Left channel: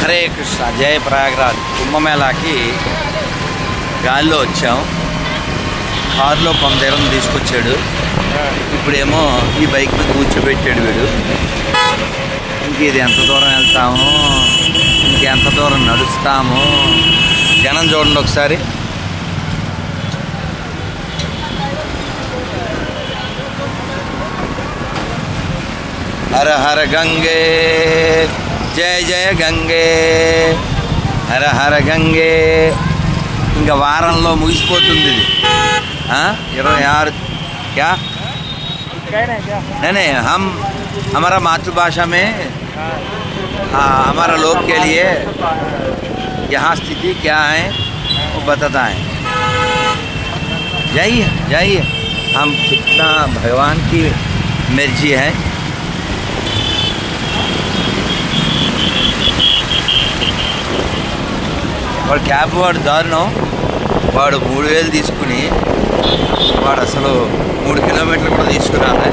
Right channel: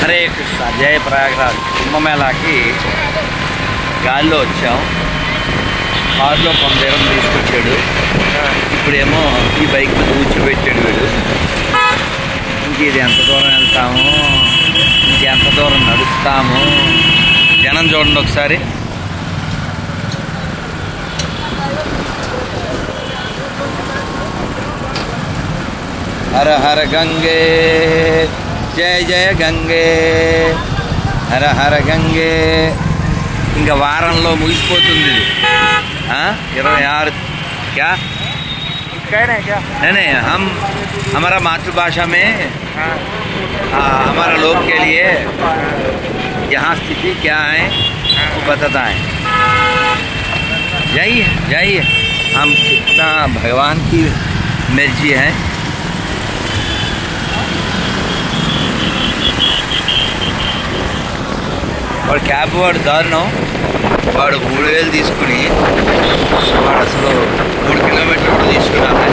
హరే కృష్ణ. జయ ప్రయాగరాజ్ కుంభమేళాకి గాలిలో వచ్చాం. కారులో కొందరం తీసుకొచ్చాడు. ఇప్పుడేమో ఈ బైక్ మీద కూర్చోబెట్టాడు వీడు. ఇది ఎంత దూరం వెళ్తాము, ఇంకెంత దూరం నడుస్తాము. జనం చూడండి ఒకసారి. హర హర గంగే, జయ జయ గంగే, హర హర గంగే. ఇంకా వారంలో ముగిసిపోతుంది ఇది. 26 क्या नहीं हम हमारा मातृभाषा में हमारा लोग के लिए यहाँ स्थिति क्या है वो बताता है. जाइए जाइए, हम कितना भगवान की मर्जी है. వాడు క్యాబ్ వాడు దారుణం. వాడు 3000 తీసుకుని వాడు అసలు 3 కిలోమీటర్లు కూడా తీసుకురాలే.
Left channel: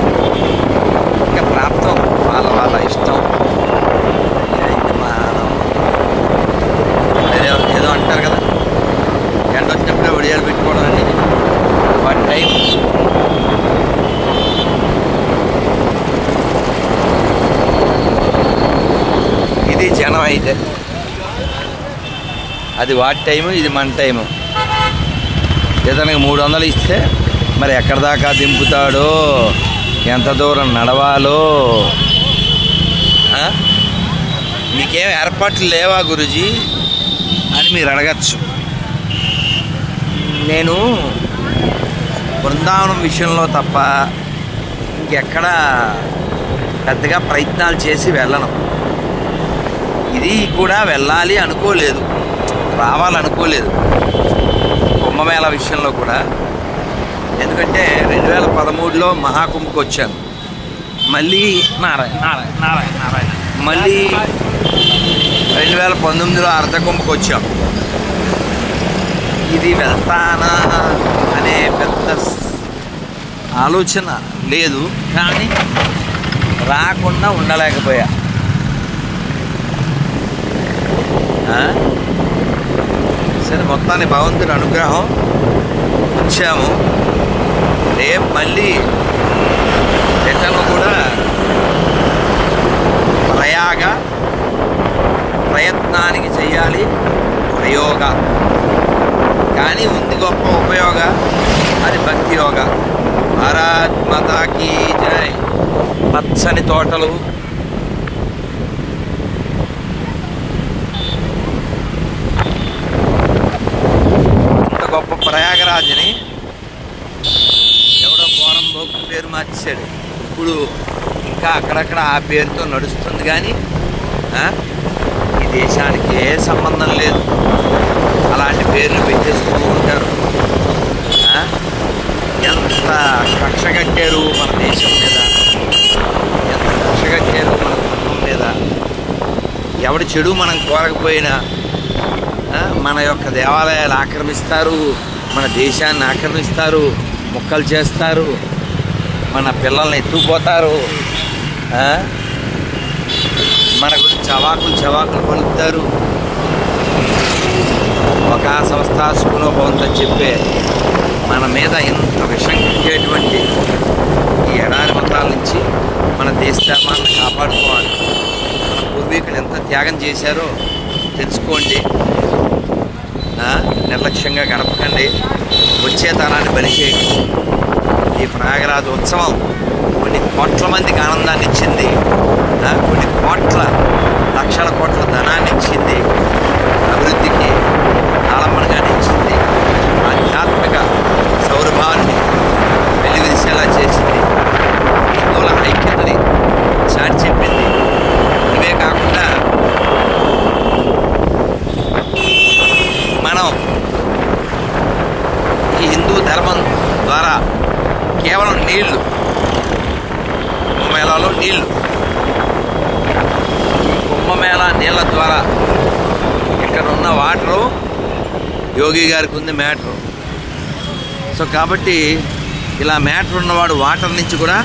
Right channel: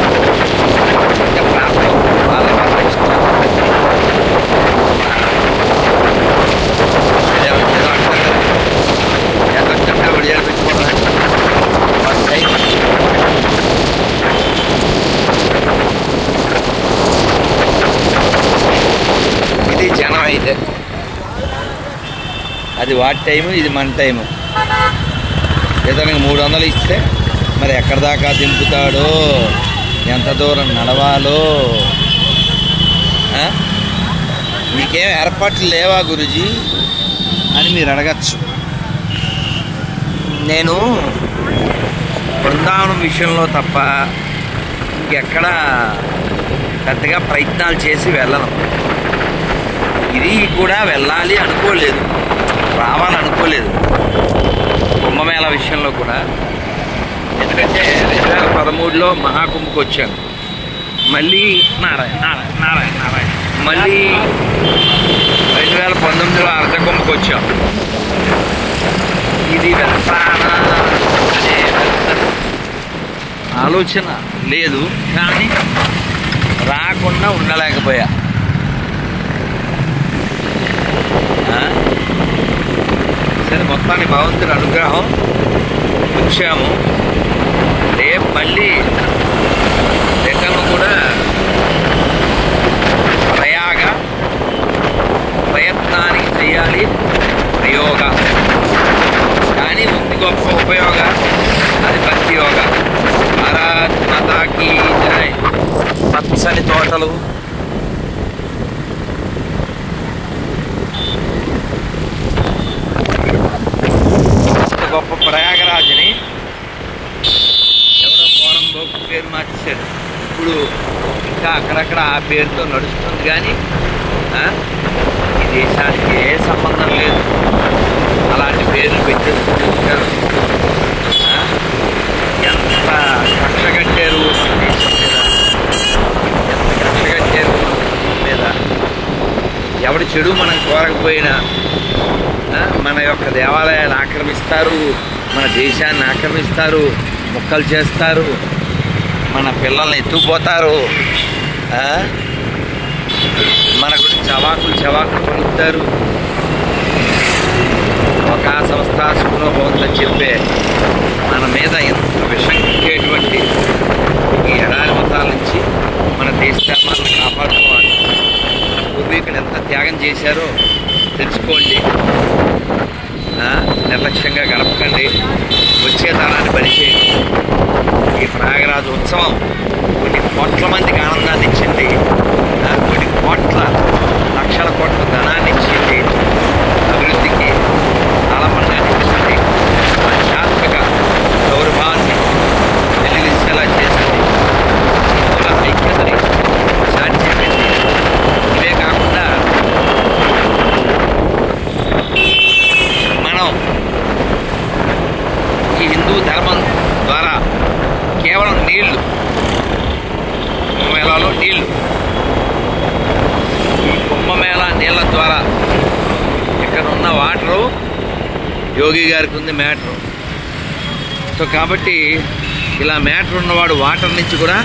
ఇంకా ప్రాప్తం వాళ్ళ వాళ్ళ ఇష్టం. ఏదో అంటారు కదా, ఎంత వచ్చినప్పుడు ఒడియాలు పెట్టుకోవడం వాళ్ళ టైం. ఇది జనం అయితే అది వాటి టైము, ఇది మన టైము. ఇతనికి 300 ఇస్తే మరి ఎక్కడి దాకా దింపుతాడో, ఎంత దూరం నడవాలో. మీకేం ఏర్పాట్లు లేవా గురూజీ అని మీరు అడగచ్చు. నేను బృందావనం విషయంలో తప్ప ఇంకెక్కడ పెద్దగా ప్రయత్నాలు చేసి వెళ్ళను. ఇది కూడా వెళ్ళాలి అనుకోలేదు, రావాలనుకోలేదు కుంభమేళా విషయంలో కూడా. ఎందుకంటే 2013లో మహాకుంభకు వచ్చాను. మళ్ళీ నారాయణ నారాయణ నారాయణ నారాయణ మళ్ళీ 2019లో అర్ధకుంభకు వచ్చాం. ఇది వెళ్తానా అనే పెద్ద ఆలోచన లేదు, కానీ రాకుండా ఉండలేకపోయా. సరే, మొత్తాన్ని భగవంతుడి అనుగ్రహం వచ్చాము. రేపు మళ్ళీ రిటర్న్ కూడా ప్రయత్నానికి చెయ్యాలి. ప్రయోగ కానీ ఉంది గొప్ప ఉపయోగ, అది భక్తి యోగ. భారత్ మాతాకి జై. పచ్చని తోటలు, గొప్ప ప్రయాగరాజుని ఎవడో పోరంబోకు పేరు మార్చేశాడు. ఇప్పుడు ఇంకా అక్కడక్కడ ఆ పేరుతో నడుస్తుంది. కానీ ఈ దేశానికి ఏ సంబంధం లేదు, అలాంటి పేర్లు పెట్టేస్తూ ఉంటారు. ఎంత కక్ష కట్టారు మన దేశం మీద, ఎంత కక్ష కట్టారు మన ధర్మం మీద. ఎవడి చెడు మనం కోరకపోయినా మన యొక్క దేవాలయాలు ఆక్రమిస్తారు, మన దేశాన్ని ఆక్రమిస్తారు, ముక్కలు చేస్తారు, మన పిల్లల్ని ఎత్తుకుపోతారు, మన గురించి చవాకులు పలుకుతారు. ఒక సంస్థ సుఖంలో బాగుందని చెప్పే మన మీద ఎంత విషం కట్టేటువంటి ఈ ఎడారి మతాల నుంచి మన దేశ ధర్మాలను కాపాడుకోవాలి. మన పూర్వీకులు ఎంత త్యాగం చేశారో తెలుసుకోండి. నిర్లక్ష్యంగా గడపకండి, వచ్చే తరాన్ని బలిచేయండి. ఈ ప్రయాగరాజు ఉత్సవం కొన్ని కోట్ల మందికి ఆనందాన్ని ఇచ్చింది, కొన్ని లక్షల కోట్ల ధనాన్ని ఇచ్చింది, అభివృద్ధికి ఆలంబనగాన్ని ఇచ్చింది, ఆధ్యాత్మిక సౌరభావాన్ని వెల్లివిరిసేలా చేసింది, హిందువుల ఐక్యతని సాధ్యమైంది. ఇవే కాకుండా మనం ఈ హిందూ ధర్మం ద్వారా కేవలం నీళ్లు, కుంభమేళాలో నీళ్లు, ఈ కుంభమేళా నీళ్ళ ద్వారా ఇక్కడ ఉన్న వాటరు యోగి గారికి ఉంది మ్యాటరు. సో కాబట్టి ఇలా మ్యాటర్ ఉన్నవాడు వాటర్ నుంచి కూడా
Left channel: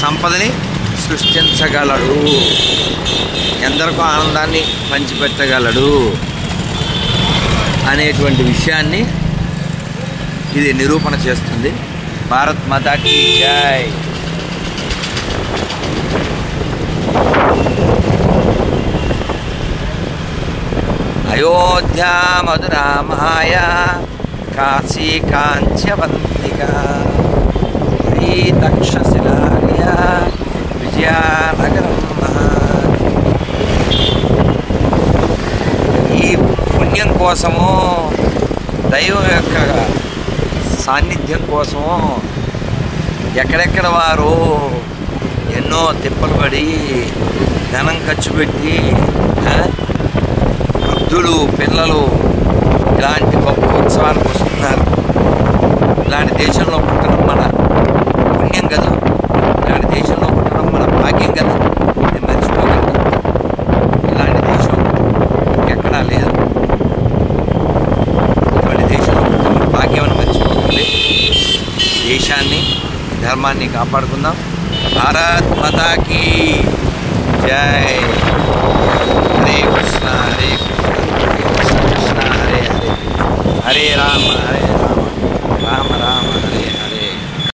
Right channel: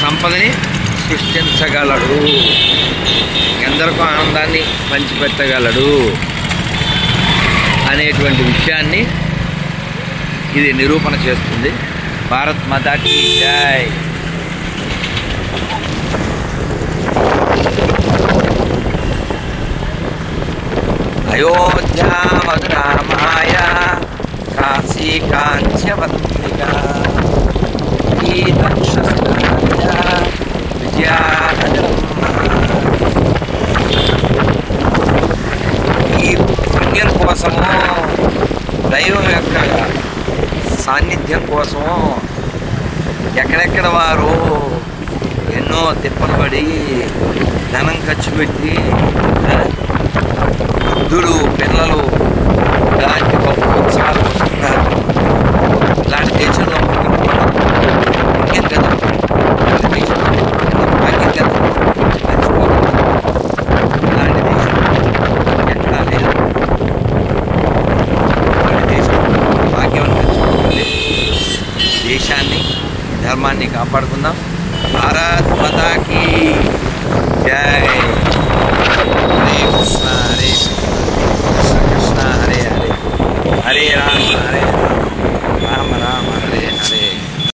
సంపదని సృష్టించగలడు. ఎందరికో ఆనందాన్ని పంచిపెట్టగలడు అనేటువంటి విషయాన్ని ఇది నిరూపణ చేస్తుంది. భారత్ మాతాకి జై. అయోధ్యా మధురా మాయా కాశీ కాంస్యవంతికా తక్షశిలాలయ విజయానగరం. ఈ పుణ్యం కోసము, దైవం యొక్క సాన్నిధ్యం కోసము ఎక్కడెక్కడ వారు ఎన్నో తిప్పలు పడి ధనం ఖర్చు పెట్టి వృద్ధులు, పిల్లలు ఇలాంటి గొప్ప ఉత్సవాలకు వస్తున్నారు. ఇలాంటి దేశంలో పుట్టడం మన పుణ్యం కదా, ఇలాంటి దేశంలో పుట్టడం మన భాగ్యం కదా, పెంచుకోగలరు. ఇలాంటి దేశం ఎక్కడా లేదు. ఇలాంటి దేశంలో భాగ్యం పెంచుకోవాలి. దేశాన్ని, ధర్మాన్ని కాపాడుకుందాం. భారత్ మాతాకి జై. హరే కృష్ణ హరే కృష్ణ కృష్ణ హరే హరే, హరే రామ హరే రామ, రామ రామ హరే హరే.